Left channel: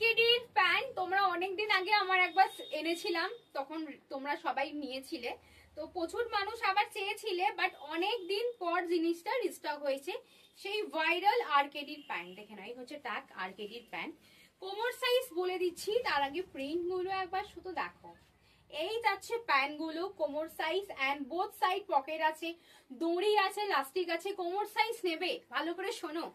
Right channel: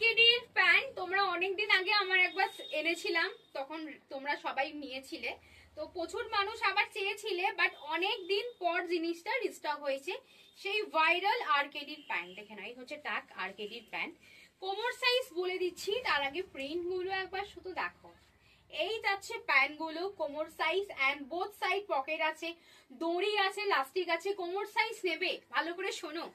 আরকেডির pant তোমরা অনেকদিন আগে আমার একবার এনেছিলাম, তখন তোমরা সবাই নিয়েছিলে, তো প্রচুর মানুষ আবার চেয়েছিলে, বাট অনেক দিন পর জিনিসটা রিস্টক হয়েছে। সেই ভাইরাল আরকেডির প্যান্ট দেখে নাও, এই হচ্ছে ট্যাগ আরকেডির প্যান্ট। কোমর সাইজ বলে দিচ্ছি, তার আগে প্রিন্ট গুলো একবার শুধু দেখো। এই যাচ্ছে প্যান্ট গুলো, কোমর size and both side pocket আছে, দড়ি আছে, লাস্টিক আছে। কোমর সাইজ নেবে ভালো করে শোনো,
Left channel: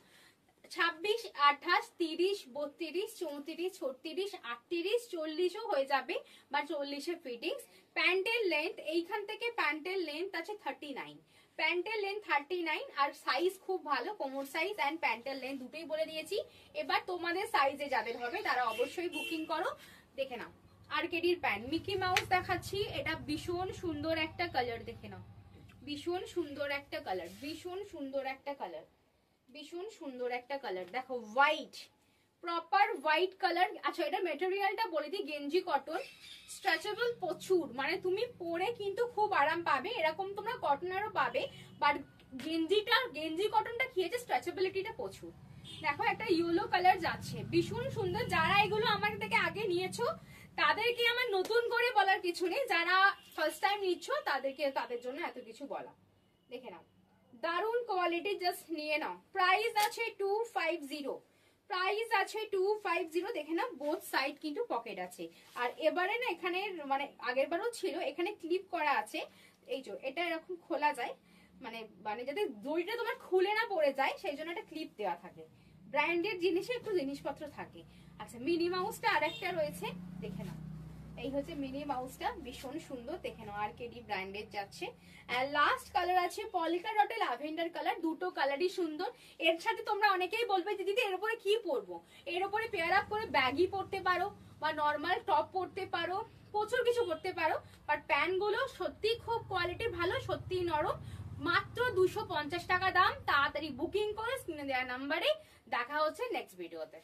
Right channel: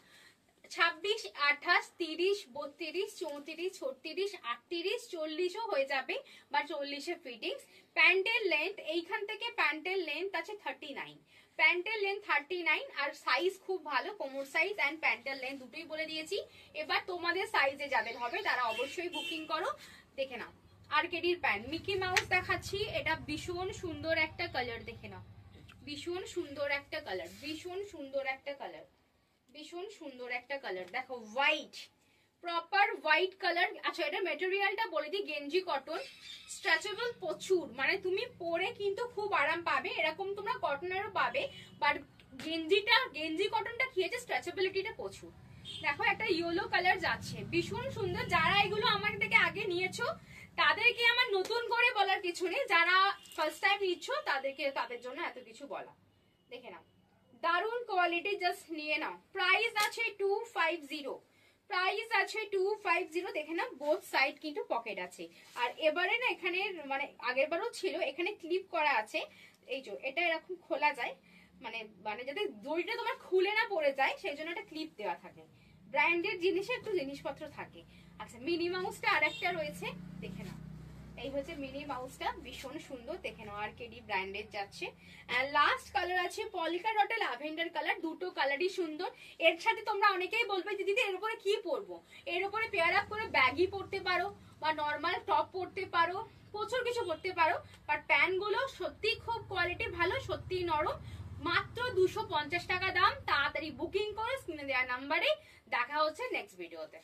26, 28, 30, 32, 34, 36, 38, 40ও হয়ে যাবে, বা 40-এ ফিটিংস। প্যান্টের লেন্থ এইখান থেকে প্যান্টের লেন্থ আছে 39, প্যান্টের লেন্থ 39, আর সাইজ খুব ভালো, কোমর সাইজ এন্ড প্যান্টের লেন্থ দুটোই বলে দিয়েছি। এবার তোমাদের সাইজে যাদের হবে তারা অবশ্যই বুকিং করো। দেখে নাও আরকেডির প্যান্ট, মিকি মাউস দেখাচ্ছি, এটা ভীষণ সুন্দর একটা কালার, দেখে নাও ভীষণ সুন্দর একটা কালার, ভীষণ সুন্দর একটা কালার, ভীষণ সুন্দর একটা কালার। দেখো হোয়াইট, প্রপার হোয়াইট কালার। আচ্ছা এটা মেটেরিয়ালটা বলে দিই, গেঞ্জি কটন, স্ট্রেচেবল প্রচুর, মানে তুমি পরে কিন্তু খুব আরাম পাবে। এরকম তোমরা কটনেরও পাবে, বাট গেঞ্জি কটনটা কি আছে, স্ট্রেচেবিলিটিটা প্রচুর। দেখো একটা ইয়েলো কালার যাচ্ছে, ভীষণ সুন্দর। যারা এগুলো আমার থেকে আগে নিয়েছো তাদেরকে আমার নতুন করে বলার কিছু নেই, যারা ফার্স্ট টাইম নিচ্ছ তাদের জন্য এত কিছু বলা। দেখে নাও দারুন কোয়ালিটি, জাস্ট নিয়ে নাও। প্রাইস আছে 250, প্রাইস আছে 250। দেখে নাও বোথ সাইড কিন্তু পকেট আছে, আর এবারে না এখানে মানে আগের বারও ছিল, এখানে ক্লিপ করা আছে। এই যে এটা এরকম খোলা যায়, মানে মানে যাতে দড়িটা তোমার খুলে না পড়ে যায়, সেই জন্য একটা ক্লিপ দেওয়া থাকে। ব্র্যান্ডেড জিনিসে একটু জিনিসপত্র থাকে। আচ্ছা মিনি মাউসটা আরেকটা রয়েছে, দেখে নাও এই হচ্ছে মিনি মাউসটা, ভীষণ সুন্দর। দেখে নাও আরকেডি ব্র্যান্ডেড যাচ্ছে। লাস্ট কালার আছে পলিকা ডটে ল্যাভেন্ডার কালার, দুটো কালারই সুন্দর। এর সাথে তোমরা অনেকেই বলবে যে দিদি এর উপরে কি পরবো, এর উপরে পেয়ার আপ করে ব্যাগি পরতে পারো বা নর্মাল টপ পরতে পারো, প্রচুর কিছু পরতে পারো। বাট প্যান্ট গুলো সত্যি খুব কোয়ালিটি ভালো, সত্যি নরম। মাত্র 250 টাকা দাম, তাড়াতাড়ি বুকিং করো স্ক্রিনে দেওয়া নাম্বারে। দেখা হচ্ছে নেক্সট ভিডিওতে।